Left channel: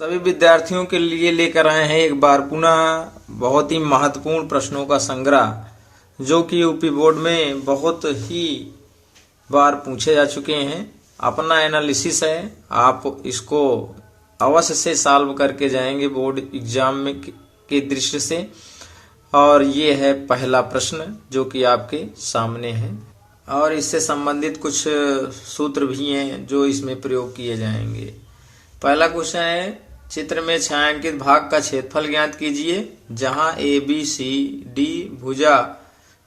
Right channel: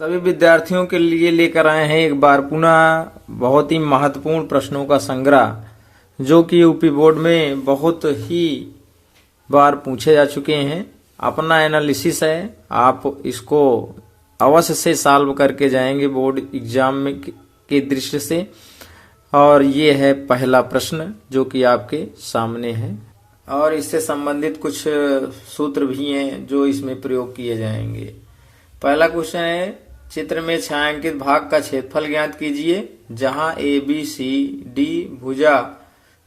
सभी विद्यार्थियों के लिए लेकर आए हैं एक बार पुनः बहुत ही महत्वपूर्ण प्रश्नों का संग्रह जो कि यूपी बोर्ड में बहुत ही बार पूछे जा चुके हैं। अपना एनालिसिस है, आप इसको अवश्य से सॉल्व करके जाएंगे बोर्ड एग्जाम में के दृष्टि से। और ये है पहला प्रश्न जो कि आपके सामने है और इससे संबंधित कुछ सूत्र भी हैं जो इसमें प्रयोग किए जाएंगे। पहला क्वेश्चन है, चित्र में छायांकित भाग का क्षेत्रफल ज्ञात कीजिए जहां ABCD भुजा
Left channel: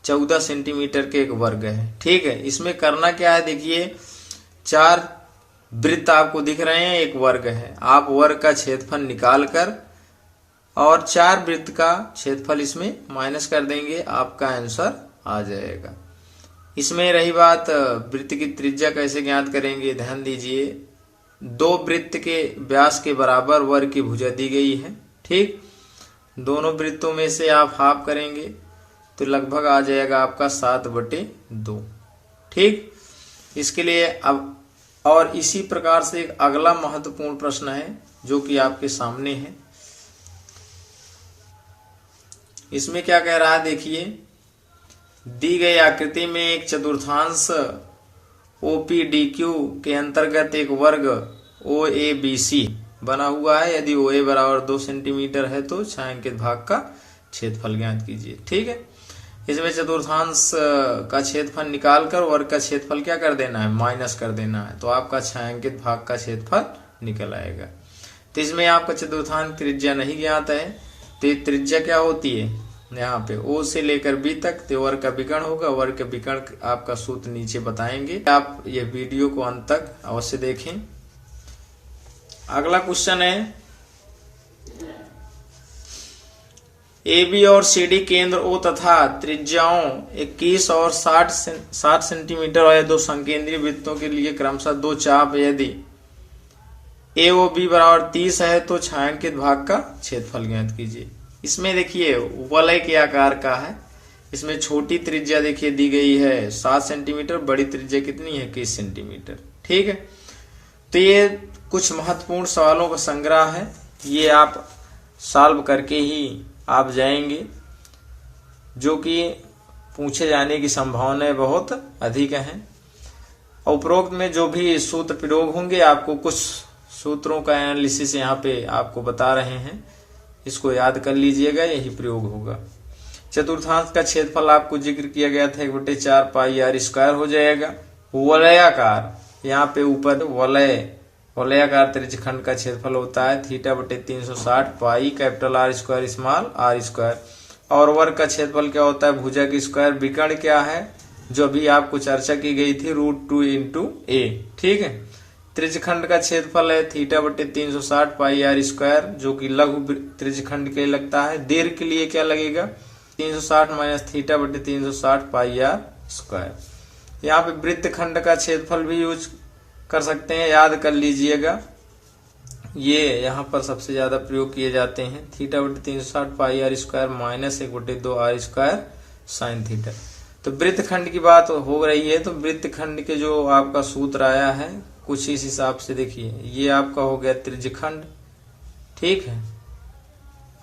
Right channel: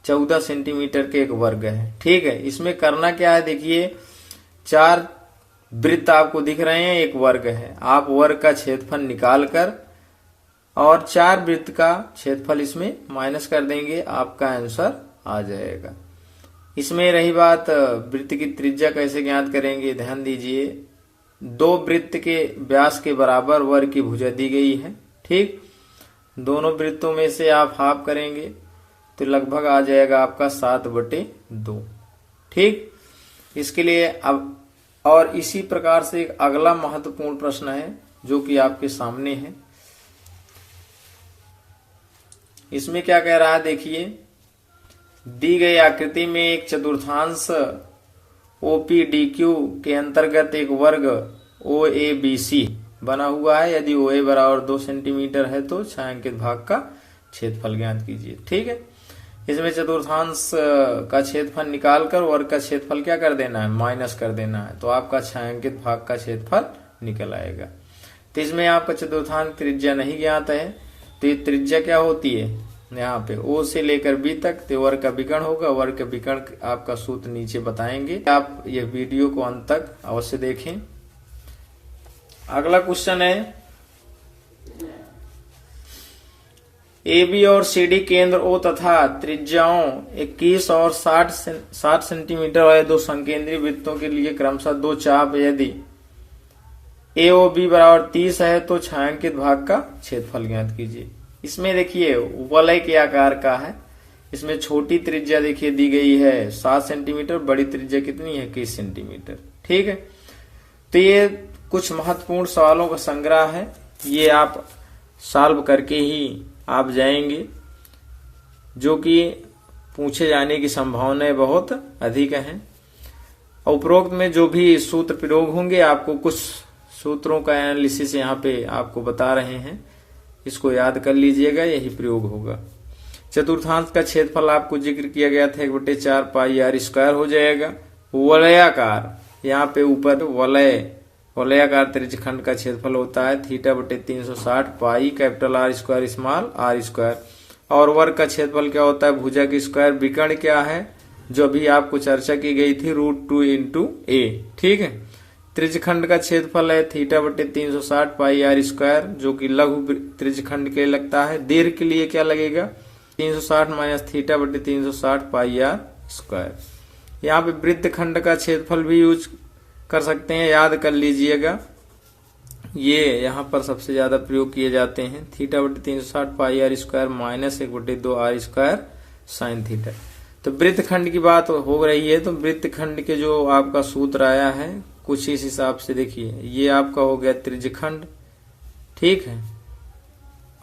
14 सेंटीमीटर के एक वर्ग है। ठीक है, इसमें करना क्या है, देखिए 4 वृत्त आपको दिख रहे हैं, एक वर्ग है। आप वर्ग का क्षेत्रफल निकाल कर और 4 वृत्त का क्षेत्रफल इसमें माइनस कर देंगे, आपका आंसर आ जाएगा। इसमें रही बात वृत्त की त्रिज्या कैसे ज्ञात करेंगे, ध्यान दीजिए 2 वृत्त के व्यास के बराबर वर्ग की भुजा दी गई है। ठीक, दोनों वृत्तों में से आप हाफ करेंगे तो लगभग आ जाएगा आपका 7/2। ठीक, इसके लिए अब और इसी प्रकार से एक अगला महत्वपूर्ण प्रश्न है जो कि आपके सामने है। इसमें क्या कह रहा है, देखिए दी गई आकृति में एक चतुर्थांश OPDQ के अंतर्गत एक वर्ग OABC बना हुआ है। यदि OA बराबर 2 सेंटीमीटर है तो छायांकित भाग का क्षेत्रफल ज्ञात कीजिए। ठीक है, इसमें चतुर्थांश का क्षेत्रफल निकालकर वर्ग का क्षेत्रफल क्या कर देना है, माइनस कर देना है, तो आपका छायांकित भाग का क्षेत्रफल निकल आएगा। तो इसमें आपका चतुर्थांश त्रिज्या नहीं ज्ञात है, तो त्रिज्या क्या होती है यहाँ पे O से लेकर B तक, तो वर्ग का विकर्ण होगा। वर्ग का विकर्ण आपका सूत्र नीचे बताएंगे, आप यह वीडियो को अंत तक अवश्य देखें। अगला क्वेश्चन है, AB और CD केंद्र O तथा त्रिज्याओं 21 और 60 सेंटीमीटर वाले 2 संकेंद्रीय वृत्तों के लिए क्रमशः 2 चाप यदि AOB बराबर 30 है तो छायांकित भाग का क्षेत्रफल ज्ञात कीजिए। इसमें देखिए वलय के आकार का है, इसमें छोटी त्रिज्या देखिए दी गई है 7 सेंटीमीटर, बड़ी त्रिज्या कितनी है 21 सेंटीमीटर। ठीक है, तो ये कुछ महत्वपूर्ण सवालों का संग्रह है, ये आप सॉल्व करके ही आप जाएंगे, जो कि पूछे जाने की संभावनाएं बहुत अधिक हैं। उपरोक्त में जो भी सूत्र प्रयोग होंगे, आपको कुछ सूत्रों का एनालिसिस यहाँ पे आपको बता रहे हैं, इसको याद कर लीजिएगा, यही प्रयोग होगा। चतुर्थांश का क्षेत्रफल आपको जिक्र किया गया था 1/4 पाई r स्क्वायर हो जाएगा। वलयाकार, यहाँ पे ऊपर वलयाकार त्रिज्यखंड का क्षेत्रफल होता है θ/360 pi capital R square small r square. और वर्ग का क्षेत्रफल क्या होता है, भुजा की स्क्वायर। विकर्ण क्या है, जो अभी आपको चर्चा की गई थी √2 × a। ठीक है, त्रिज्यखंड का क्षेत्रफल है θ/360 पाई r स्क्वायर, जो कि लघु त्रिज्यखंड के लिए लगता है। दीर्घ के लिए क्या लगेगा, 360 माइनस θ/360 पाई r स्क्वायर। यहाँ पे वृत्तखंड का क्षेत्रफल भी यूज कर सकते हैं, याद कर लीजिएगा, ये यहाँ पर सबसे ज्यादा प्रयोग किए जाते हैं। θ/360 पाई r square minus 1/2 r square sine theta. तो वृत्तखंड की बात हो रही है, तो वृत्तखंड के जो आपका सूत्र आया है कुछ इस हिसाब से, देखिए ये आपका हो गया त्रिज्यखंड, ठीक है,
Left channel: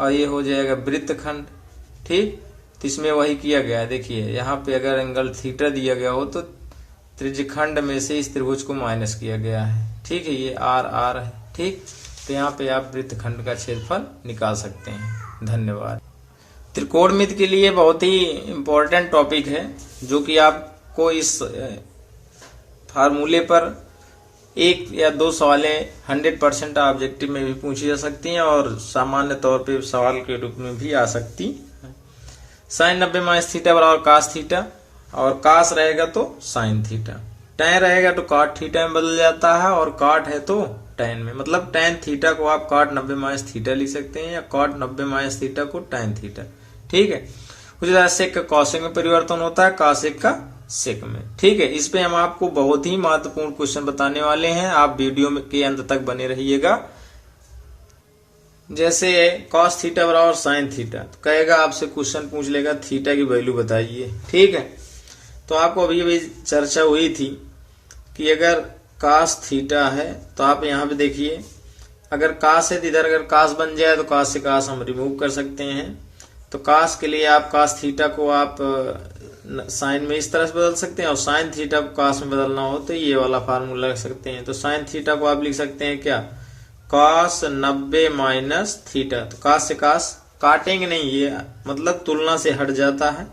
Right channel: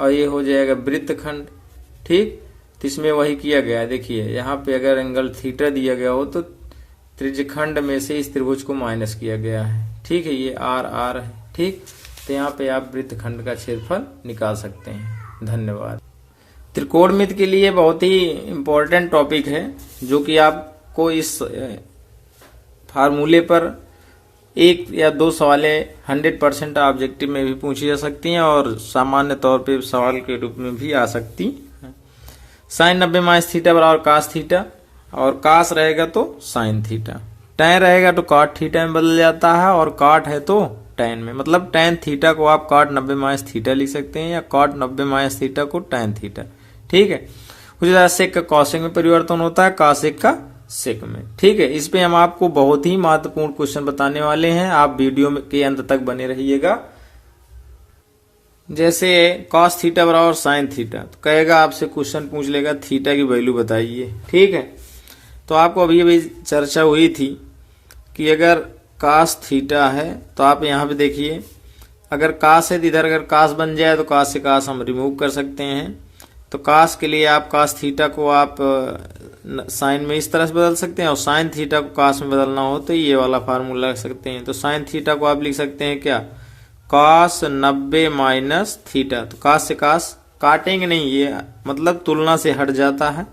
और ये हो जाएगा वृत्तखंड। ठीक, तो इसमें वही किया गया है, देखिए यहाँ पे अगर एंगल थीटा दिया गया हो तो त्रिज्यखंड में से इस त्रिभुज को माइनस किया गया है। ठीक है, ये R है। ठीक, तो यहाँ पे आप वृत्तखंड का क्षेत्रफल निकाल सकते हैं। धन्यवाद। त्रिकोणमिति के लिए बहुत ही इम्पोर्टेंट टॉपिक है, जो कि आपको इस फार्मूले पर 1 या 2 सवालें 100% ऑब्जेक्टिव में भी पूछी जा सकती हैं और सामान्य तौर पे सवाल के रूप में भी आ सकती है। साइन 90 - थीटा बराबर cos थीटा, और cos रहेगा तो साइन थीटा, tan रहेगा तो cot थीटा में बदल जाता है, और cot है तो tan में। मतलब tan थीटा को आप cot 90 - थीटा लिख सकते हैं, या cot 90 - थीटा को tan थीटा। ठीक है, उसी तरह सेक का कॉसेक में परिवर्तन होता है, कॉसेक का सेक में। ठीक है, इस पे हम आपको बहुत ही महत्वपूर्ण क्वेश्चन बताने वाले हैं, आप वीडियो के अंत तक बने रहिएगा। जैसे cos थीटा बराबर साइन थीटा, तो कहेगा आपसे क्वेश्चन पूछ लेगा थीटा की वैल्यू बताइए। ठीक है, तो आपको अभी चर्चा हुई थी कि अगर cos थीटा है तो आप यहाँ पे देखिए अगर कास है तो इधर अगर कास बन जाए तो कास से कास हम रिमूव कर सकते हैं। तो कास के लिए आप कास थीटा को आप साइन में इस तरह से बदल सकते हैं, और साइन थीटा को कास में बदलना हो तो ये वाला फार्मूला रख सकते हैं। तो साइन थीटा को आप लिख सकते हैं क्या, cos 90 माइनस थीटा। तो कास से कास काटेंगे नहीं, ये मतलब तुलना से हट जाता है।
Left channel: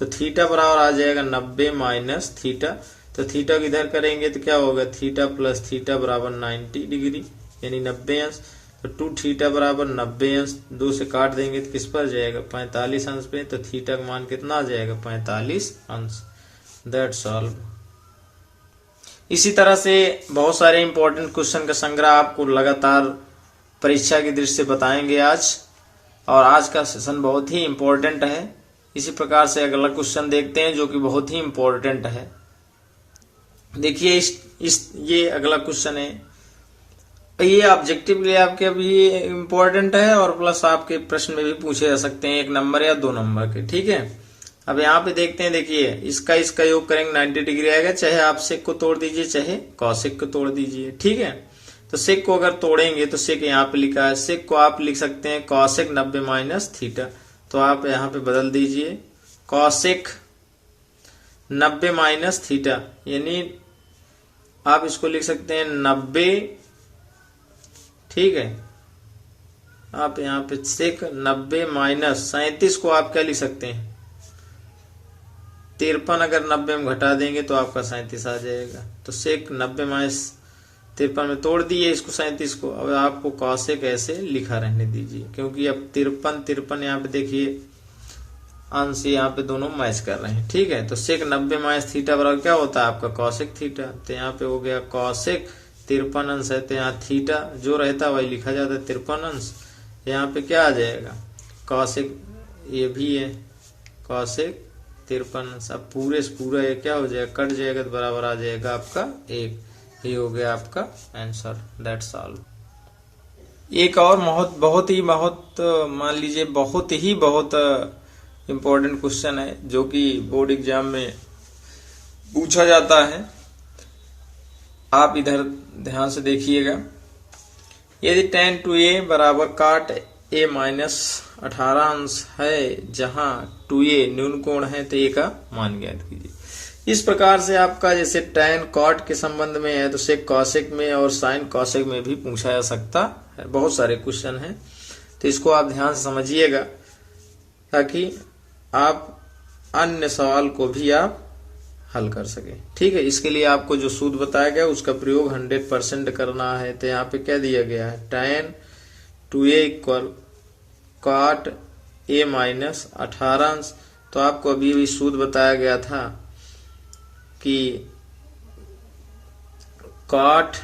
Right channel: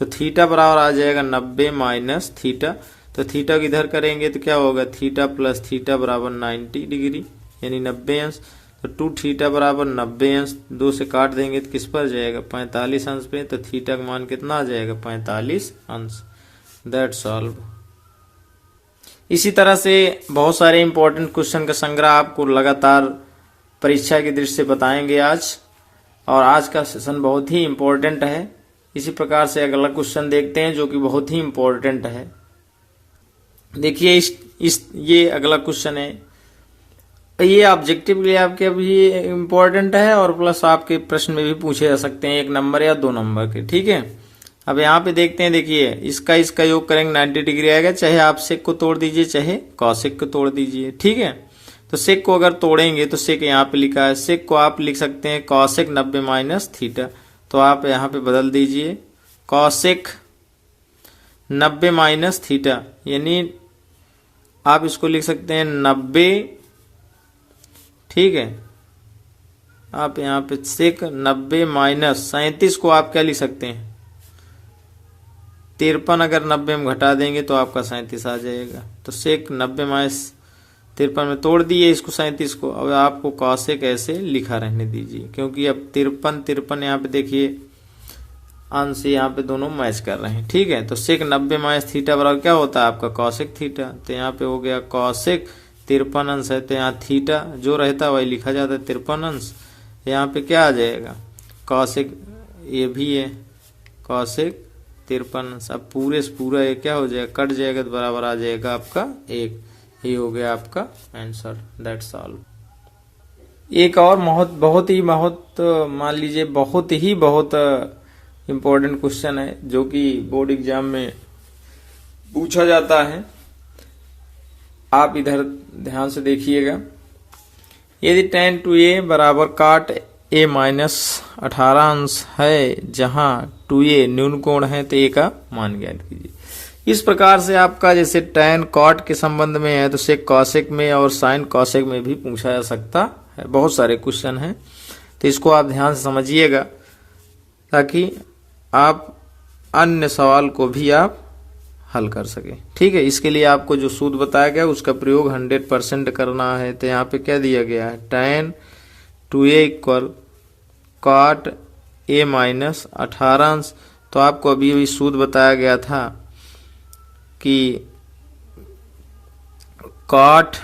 तो थीटा बराबर आ जाएगा 90 माइनस थीटा। तो थीटा को इधर करेंगे तो क्या होगा, थीटा प्लस थीटा बराबर 90 डिग्री यानी 90 अंश। तो 2 थीटा बराबर 90 अंश, 2 से काट देंगे तो किस पर जाएगा, 45 अंश पे। तो थीटा का मान कितना आ जाएगा, 45 अंश। That's all. इसी तरह से बहुत सारे इंपॉर्टेंट क्वेश्चन का संग्रह आपको लगातार परीक्षा की दृष्टि से बताएंगे आज, और आज का सेशन बहुत ही इंपॉर्टेंट है। इसी प्रकार से अगला क्वेश्चन देखते हैं जो कि बहुत ही इंपॉर्टेंट है। देखिए ये अगला क्वेश्चन है, ये ऑब्जेक्टिव लिए आपके अभी इंपॉर्टेंट है, और प्लस आपके प्रश्न में भी पूछे जा सकते हैं 1 नंबर या 2 नंबर के, ठीक है। अब यहाँ पे देखते हैं, देखिए इसका योग करेंगे 90 डिग्री आएगा, चाहे आप सेक को तोड़ दीजिए चाहे कॉसेक को तोड़ दीजिए, ठीक है। तो सेक को अगर तोड़ेंगे तो सेक यहाँ पे लिखा है, सेक को आप लिख सकते हैं कॉसेक 90 माइनस थीटा। तो आप यहाँ पे बदल दीजिए कॉसेक 90 माइनस थीटा, यानी आप इसको लिख सकते हैं 90, ठीक है। आप यहाँ पे सेक 90 माइनस 37 को आप क्या लिख सकते हैं, 53 अगर 90 में घटा देंगे तो आपका 37 आ जाएगा। तो सेक 90 माइनस 53 में तोड़ दिए इसको 37 को। अब आपको कॉसेक ऐसे लिखा रहने दीजिए, क्योंकि अब 53 यहाँ पे देखिए अंश यहाँ पे दोनों मैच कर रहे हैं, ठीक है। तो सेक 90 माइनस थीटा बराबर क्या होता है आपका, कॉसेक थीटा। तो यहाँ पे हो गया कॉसेक 53 अंश है, तो यहाँ थीटा जो रहता है वही लिखा जाता है 53 अंश। यहाँ पे क्या आ जाएगा, कॉसेक, ये भी है कॉसेक 53 अंश। अब पूरे से पूरा ये क्या हो जाएगा, कट जाएगा तो बराबर आ जाएगा आपका 1। ये हो गया आपका आंसर। That's all. एक और बहुत ही मान लीजिए बहुत इम्पोर्टेंट क्वेश्चन है जो कि बोर्ड एग्जाम में पूछा जाता है। आप इधर ध्यान से देखिएगा, यदि tan 2a बराबर काट a माइनस 18 अंश है, जहां 2a न्यून कोण है, तो a का मान ज्ञात कीजिए। इस प्रकार से आपका जैसे tan cot के संबंध में है तो sec cosec में और sin cosec में भी पूछा जा सकता है। बहुत सारे क्वेश्चन हैं, तो इसको आप ध्यान से समझिएगा ताकि आप अन्य सवाल को भी आप हल कर सके, ठीक है। इसके लिए आपको जो सूत्र बताया गया उसका प्रयोग 100% करना है। तो यहाँ पे क्या दिया गया है, tan 2a equal cot a minus 18 अंश। तो आपको अभी सूत्र बताया गया था कि cot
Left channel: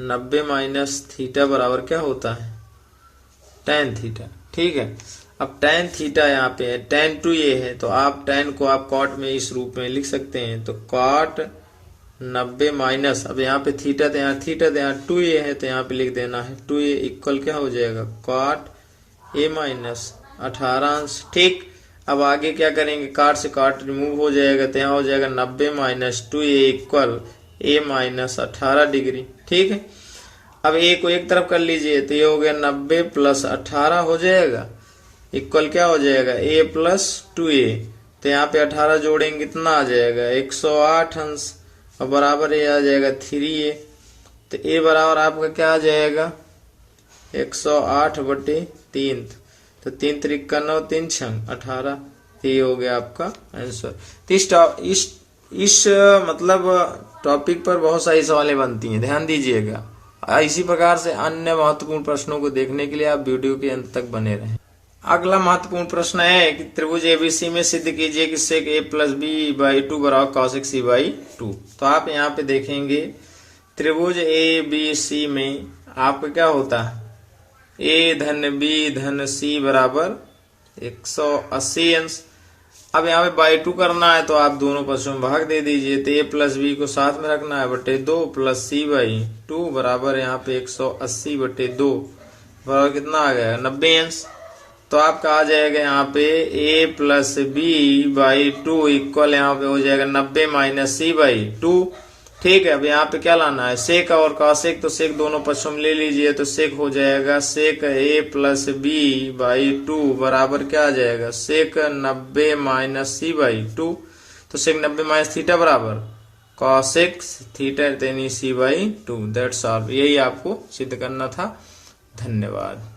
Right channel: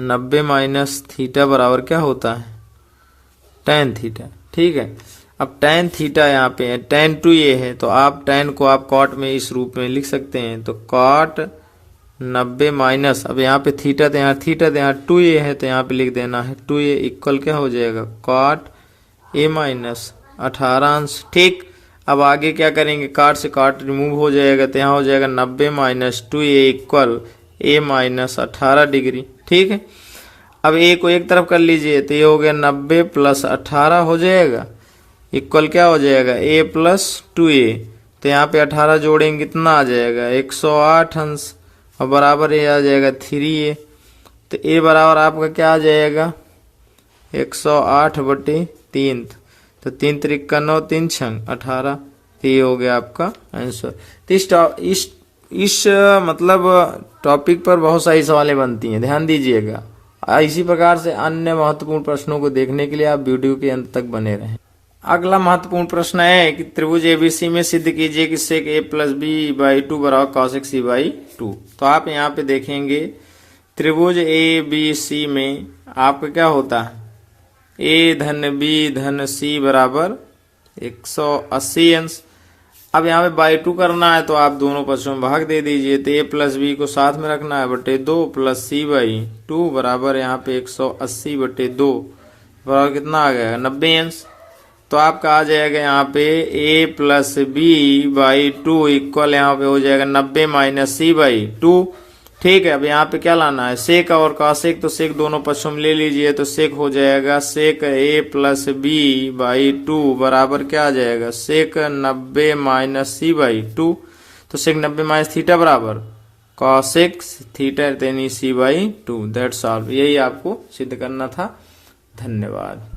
90 माइनस थीटा बराबर क्या होता है, tan थीटा, ठीक है। अब tan थीटा यहाँ पे है, tan 2a है, तो आप tan को आप cot में इस रूप में लिख सकते हैं। तो cot 90 माइनस, अब यहाँ पे थीटा तो यहाँ 2a है, तो यहाँ पे लिख देना है 2a इक्वल क्या हो जाएगा, cot a माइनस 18 अंश, ठीक। अब आगे क्या करेंगे, काट से काट रिमूव हो जाएगा, तो यहाँ हो जाएगा 90 minus 2a equal a minus 18 degree, ठीक है। अब a को एक तरफ कर लीजिए, तो ये हो गया 90 प्लस 18 हो जाएगा इक्वल क्या हो जाएगा, a प्लस 2a। तो यहाँ पे 18 जोड़ेंगे कितना आ जाएगा, 108 अंश, और बराबर ये आ जाएगा 3a। तो a बराबर आपका क्या आ जाएगा, 108/3। तो 3 त्रिक 9, 3 छंग 18। तो ये हो गया आपका आंसर। तो इस मतलब टॉपिक पर बहुत सारी सवालें बनती हैं, ध्यान दीजिएगा। इसी प्रकार से अन्य महत्वपूर्ण प्रश्नों को देखने के लिए आप वीडियो के अंत तक बने रहें। अगला महत्वपूर्ण प्रश्न है कि त्रिभुज एबीसी में सिद्ध कीजिए कि sec a plus B by 2 बराबर cosec c बाई 2। तो आप यहाँ पे देखेंगे त्रिभुज एबीसी में आपका क्या होता है, a धन b धन c बराबर 180 अंश। अब यहाँ पे बाई 2 करना है तो आप दोनों पक्षों में भाग दे दीजिए। तो a प्लस बी को साथ में रखना है, बटे 2 प्लस c बाई 2 बराबर यहाँ पे 180/2 बराबर कितना आ गया, 90 अंश। तो आपका आ जाएगा यहाँ पे a plus B by 2 equal यहाँ पे हो जाएगा 90 माइनस c बाई 2। ठीक है, अब यहाँ पे क्या लाना है, सेक और कॉसेक, तो सेक दोनों पक्षों में ले लीजिए, तो सेक हो जाएगा सेक ए प्लस बी बाई 2 बराबर क्या आ जाएगा, सेक 90 माइनस सी बाई 2, तो सेक 90 माइनस थीटा बराबर कॉसेक थीटा यानी सी बाई 2। दैट्स ऑल, यही आपको सिद्ध करना था। धन्यवाद।